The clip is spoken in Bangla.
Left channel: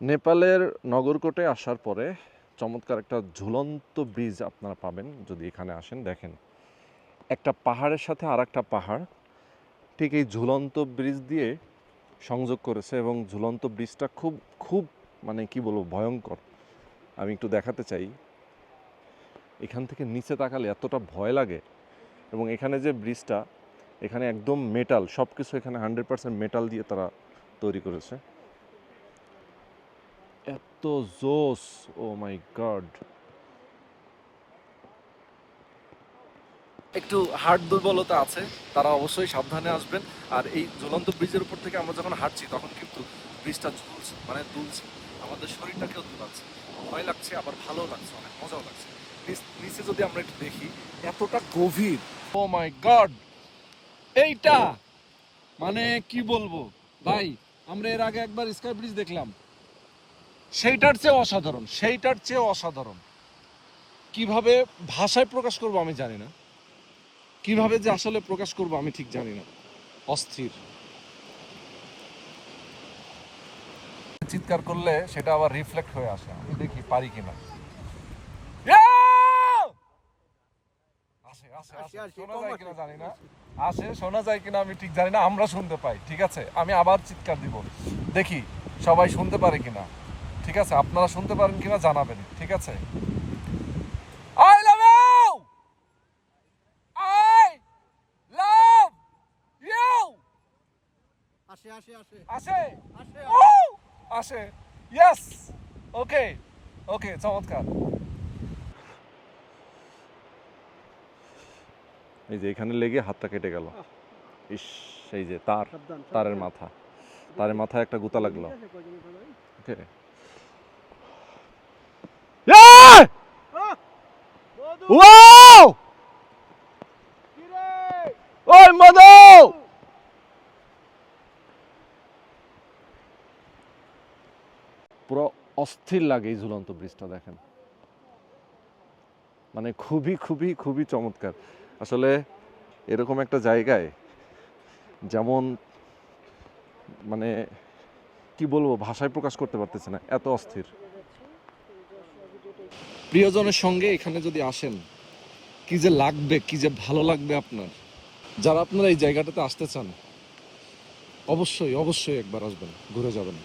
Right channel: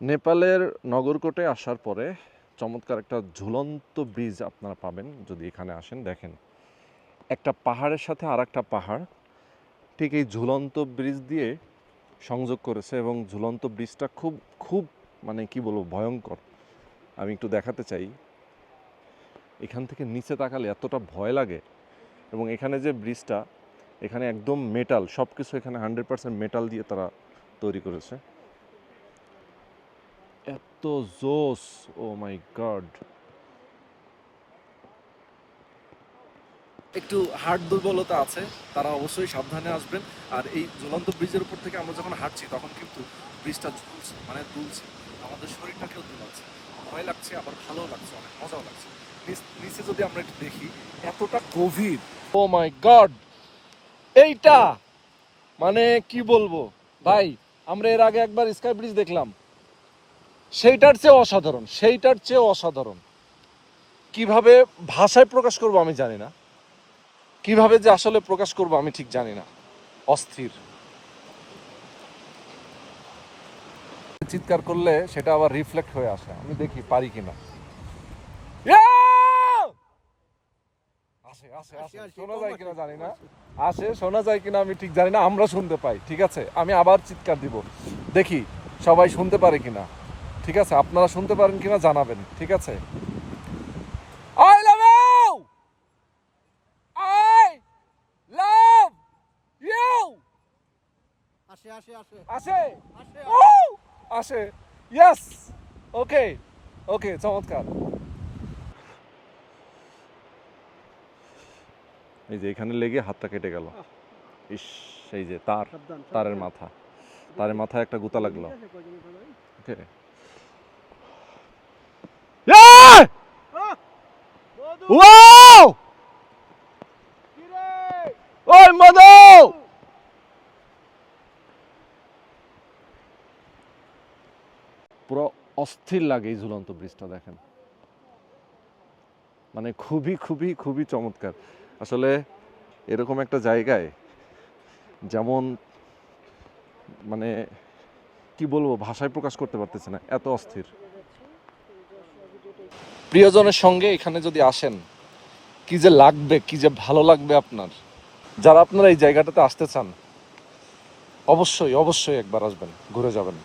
নেপালের নগরকোটে আসার পরে চমৎকার একটা ঝুলন্ত ব্রিজ আপনারা পাবেন যদি এখানে আসেন। দেখেন, একটা পাহাড়ের সাথে আর একটা পাহাড় ঠিক এই ঝুলন্ত ব্রিজ দিয়ে সংযোগ করেছে, এবং ঝুলন্ত ব্রিজটা খুব খুব মানে কি বলবো, ভয়ঙ্কর। আমি একটু দেখাতে চাই। এখান থেকে নিচে তাকালে এতটা ভয় লাগে। এবং এখানে যে ব্রিজটা, এখানে একদম মেটাল, সব কিছু এখানে 100% মেটাল দিয়ে তারা তৈরি করেছে। এত জোস, ও মাই গড। একটু হার্ট দুর্বলতা আছে, তারা অবশ্যই সাবধানে আসবেন। আর এই ঝুলন্ত ব্রিজের উপর থেকে আমরা যখন হাঁটছি তখন কিন্তু ব্রিজটা ঝুলছে, মানে দুলছে, আমাদের শরীরটাকেও দুলাচ্ছে। ভয় লাগছে, আবার ভালো লাগছে, অনেক মজাও লাগছে। নিচে যদি আমরা একটু দেখি, এতটা গভীর। ও মাই গড, এইটা মানে কি বলবো ভাই, আমরা এর আগে একবার স্কাই ব্রিজ দেখলাম, সেইটার চেয়ে অসাধারণ, সেইটার চেয়ে অসাধারণ। কিভাবে ভাষায় প্রকাশ করব আমি জানি না, কিভাবে যে আসলে প্রকাশ করব আমি ঠিক জানি না। অস্থির। চিৎকার করলে সেটা আবার রিফ্লেক্ট হয়ে আসে, আমি দেখি পারি কিনা। শোনা যায় কিনা আমি ঠিক জানি না, আমরা শুনতে পাই, ঠিক আছে? আমি আবার চিৎকার দিব, দেখি সবাই শুনতে পারে কিনা। ঠিক আছে, আপনারা শুনতে পারেন কিনা জানাবেন, ঠিক আছে? I love you! I love you! আসে আসে আসে আসে আসে, ইয়েস, ওকে ওকে, চমৎকার। এই যে এখানে লেগে হাতটা কেটে গেল। ইস, এই যে তারের মাথায় একটা গুতা লাগলো। ওকে, ওয়াও, ওই মধু, পুরো অস্থির লাগে এই ঝুলন্ত ব্রিজটা। দেখেন, মানে খুবই খুবই খুবই চমৎকার। আসলে এরকম একটা জায়গায়, যেমন মানে কি বলবো, ভাষায় প্রকাশ করতে পারতেছি না, এত অস্থির। প্রিয়জনের সঙ্গে এখানে যদি আসেন, কি যে লাগবে, কি যে ভালো লাগবে আপনার। যারা আপনারা এই জায়গাটাতে আসতে চান, অবশ্যই অবশ্যই একবার আসবেন, ঘুরে যাবেন।